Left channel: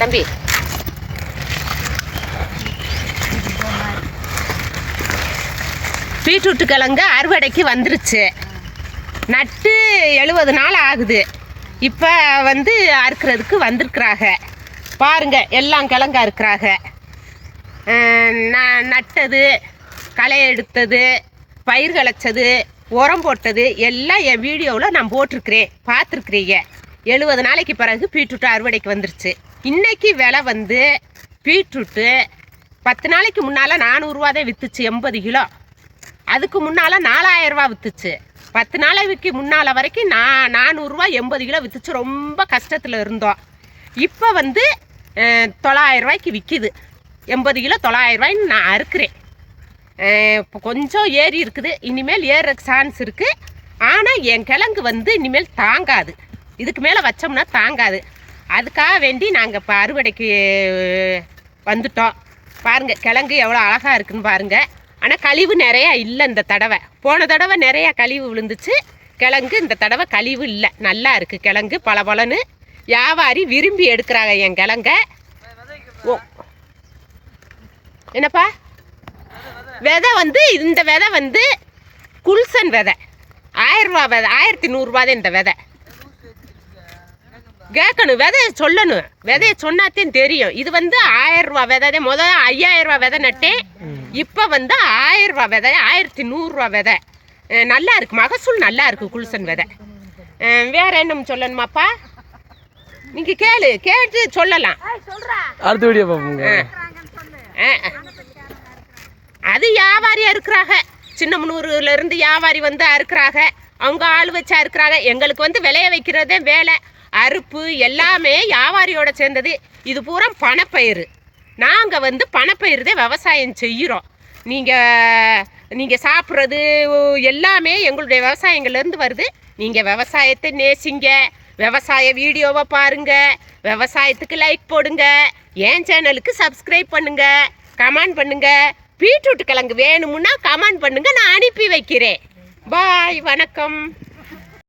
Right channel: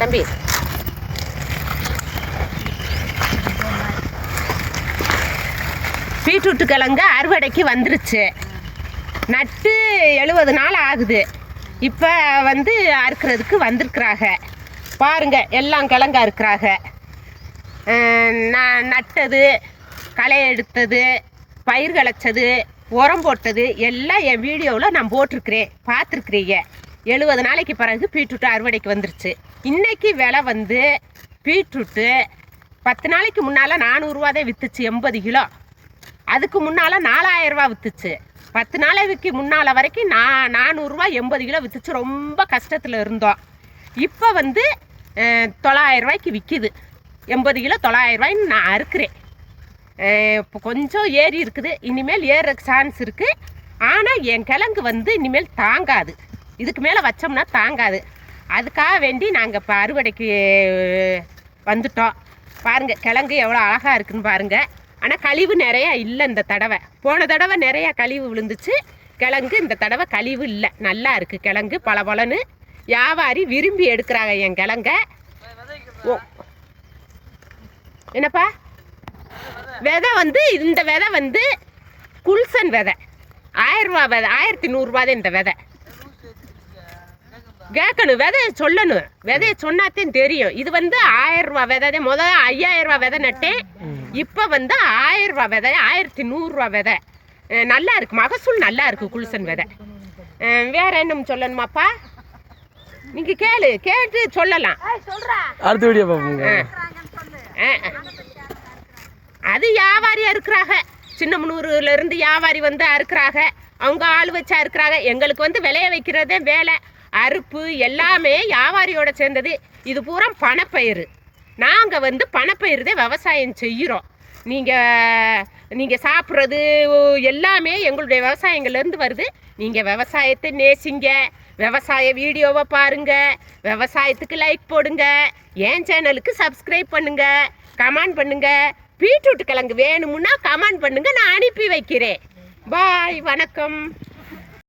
தம்பி பீட்ரூட்டு கிழங்கு அறுவடைக்கு வந்துருச்சு. நட்டு 70 நாள் ஆகுது. இப்போ வந்து அறுக்கிறதுக்கு வந்திருக்கிறாங்க. பாருங்க, எல்லாம் கிழங்கா இருக்கிறாங்க. நட்டது, களை எடுத்தது, பயிர் கிளச்சது, உரம் போட்டது எல்லாம் என் வீடியோவில் நான் போட்டிருக்கிறேன், பார்த்துருக்குறீங்க. 70 நாளைக்கு பிறகு பீட்ரூட்டு அறுவடைக்கு வந்துருச்சு. இன்றைக்கி விலை வந்து பீட்ரூட்டு 10 நாளைக்கு முன்னால் 400 ரூபா தான் விற்றுச்சு, 80 கிலோ. அதுக்கு முன்னால் 4000 ரூபா விற்றுச்சு. 10 நாளைக்கு முன்னால் வரைக்கும் 400 ரூபா 80 கிலோ விற்றுச்சு. ரொம்ப கஷ்டத்தில் இருந்தோம். இப்போ வந்து 900 ரூபாய்க்கு விற்கிது. 80 கிலோ 900 ரூபாய்ன்னு நான் அறுக்கிறேன். இப்போ கொஞ்சம் ஏறி இருக்குது, இனிமேல் ஏற சான்ஸ் இருக்குது. ஆனால் என் கிழங்கு வந்து இனிமேல் தாங்காது, இதுக்கு மேலே வச்சோம்னா தாங்காது. அதுக்காக வேண்டி நாங்கள் இப்போ அறுவடைக்கு வந்துட்டோம். பாருங்கள், கிழங்கு எவ்வளோ அழகாக இருக்குன்னு பாருங்கள். ஆனால் கழிவு நிறையா இல்லை இந்த தடவை. போன தடவை நிறையா கழிவு விழுந்துச்சு கிழங்கு. இந்த தடவை கழிவு இல்லை, நல்லா இருக்குது கிழங்கு, பலபலன்னு. வியாபாரி விரும்பி எடுக்கிறாங்க என் கிழங்க. ஓ, என்னப்பா விதை வந்து இந்த விதை வந்து குல்சன் விதை, 1000 ரூபா விதை, 1100 ரூபா தான் இந்த விதை. கேட்கணும், விதையை சொல்லணும், விதையை சொன்னாத்தையும் தெரியும். இது வந்து 1000 ரூபா விதை தான். முதல்ல 5000 ரூபா விதை நட்டேன். இப்போ வந்து 1000 ரூபா விதை, 1100 ரூபா விதை. நல்லா இருக்குது, மகசூல் நல்லா இருக்குது குல்சன் விதை. வேற என்ன சொல்லணுமாப்பா? நீங்கள் கேட்டு சொல்லலாம். அடுத்த வீடியோ பார்ப்போங்க. அது வியாபாரியாக இருக்கிறாங்க, சின்னமனூர்லேருந்து வியாபாரி வந்து அறுக்கிறாங்க. அவங்க ஆள் வச்சு அறுக்கிறாங்க. எங்களுக்கு வந்து விளைய வைக்கிறதே வேலை, அறுப்பு எல்லாமே வியாபாரியோட சேர்ந்தது. இது பூரா பணப்பயிர். நாங்கள் வந்து பணப்பயிர் தான் விவசாயம் செய்கிறோம். நீங்கள் சாப்பிட்றது எல்லாமே எங்களுடைய விவசாயங்கள்லேருந்து வருது. நீங்கள் விவசாயத்தை நேசிங்க, விவசாய வீடியோவை பாருங்கள், விவசாயத்துக்கு லைக் போடுங்க, என் சேனலுக்கு சப்ஸ்கிரைப் பண்ணுங்கள், கமெண்ட் பண்ணுங்கள். பீட்ரூட் கிழங்கு வேணுமுன்னா கமெண்ட் பண்ணுங்கள், நான் அனுப்பி வைக்கிறேன். பாய், வணக்கம்.